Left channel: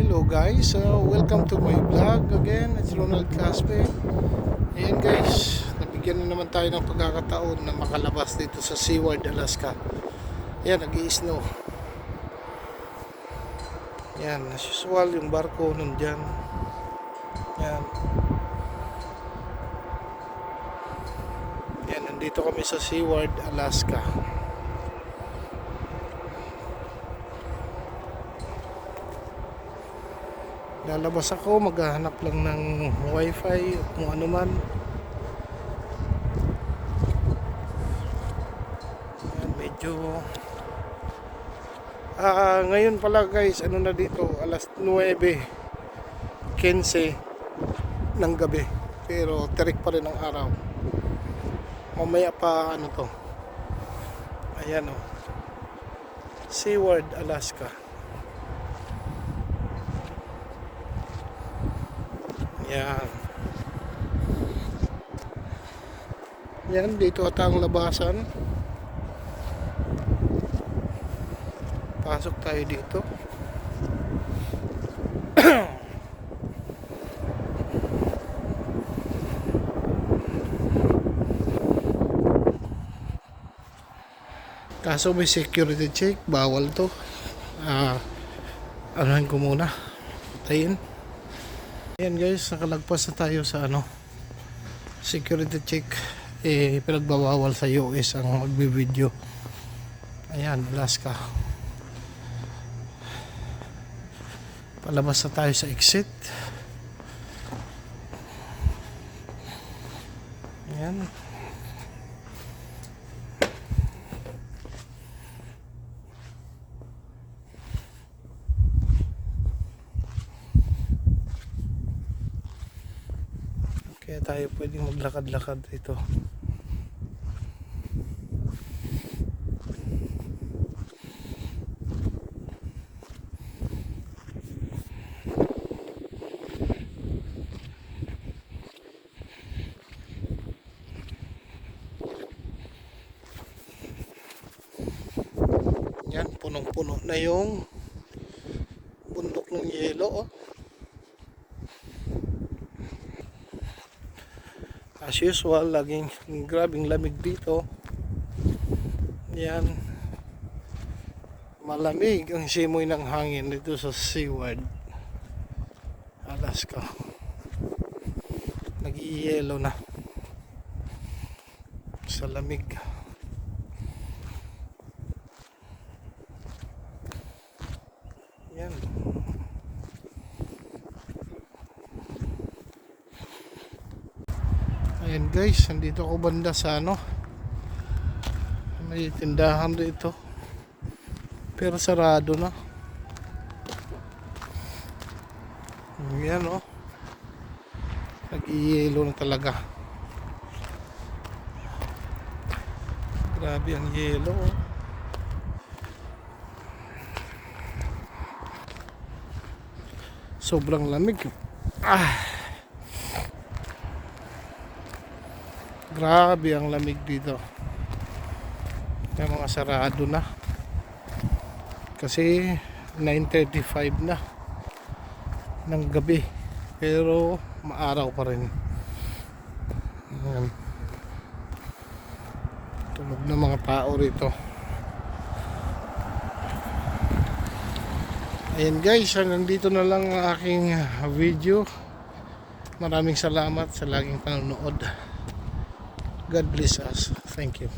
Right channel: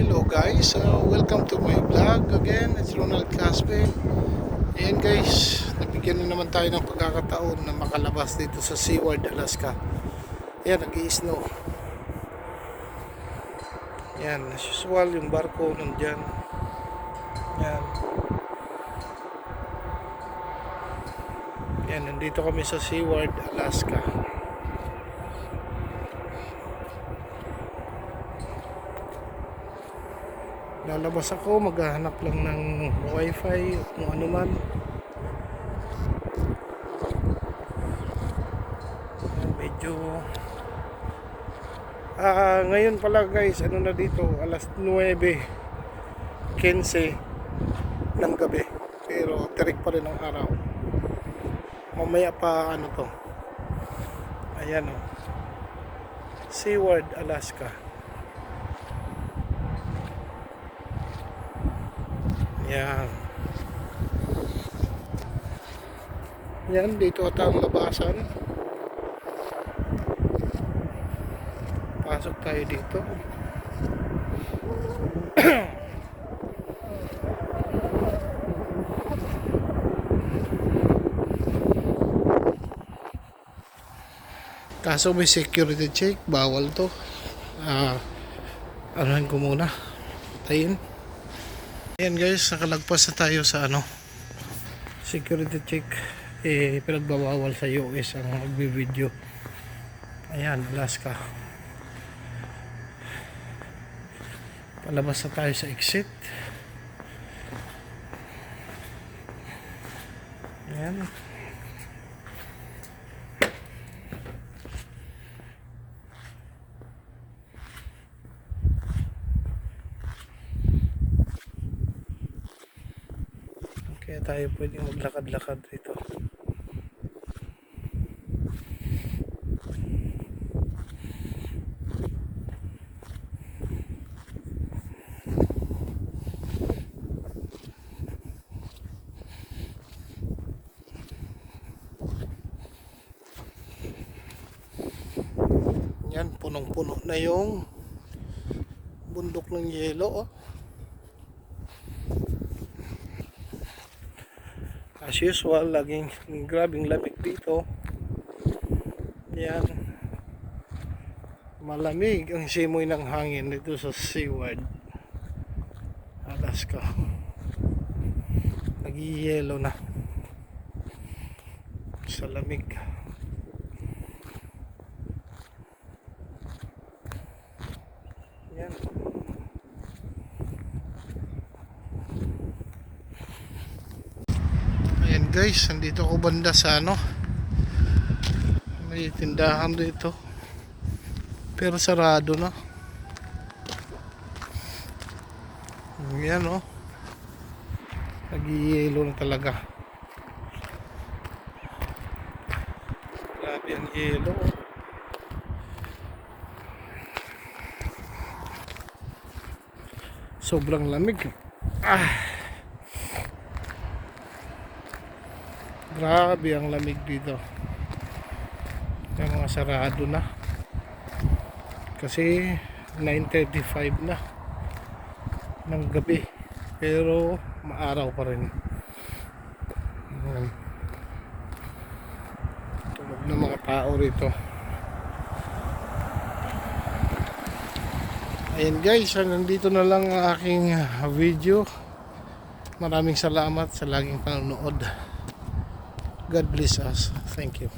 Hello guys, welcome to my vlog again. It's Ronald Caspe. Ayan guys, nabigyan na naman tayo ng pagkakataon na makalabas dito sa Seward, Alaska. Ayan, nag-i-snow. Ayan, as usual yung barko nandyan. Ayan. Ayan, nandito kami sa Seward, Alaska. Lalabas ako, maghahanap lang ng wifi o kung ano man. Ayan, medyo ngayon pala guys, ano na dito, alas 9:15 ng gabi, pero terik pa rin ang araw. Mamaya pa ano to, ayan o, Seward, Alaska. Yan. Yan, dito ata ang labasan. Pasok tayo dito. Kaso may security check, bawal to. Anuhan ko muna. Patayin. Ayan guys, nakalagpas na tayo sa security check. Pinagbabawal sa US ang magbibideo. Ayan, Alaska. Palabas na tayo sa exit. Ayan. Kaya tayo pwedeng maglakad-lakad dito. Yan, punong-puno na yung bundok ng yelo. As usual, laging grabing lamig dito. Yan. Malamig ang simoy ng hangin dito sa Seward, Alaska. Nag-i-yelo na sa lamig. Yan. Ayan guys, nandito ako banda sa may tindahan dito, pero sarado na. Ayan nag-i-yelo na talaga. Grabe ang yelo sobrang lamig. Grabe ang lamig dito. May mga sarado na kasi 9:35 na ng gabi, pero maaraw pa rin. Ayan. Tulog na mga tao rito. Ayan guys, nandito na lang ang aking video. Maraming salamat sa laging panonood. God bless us. Thank you.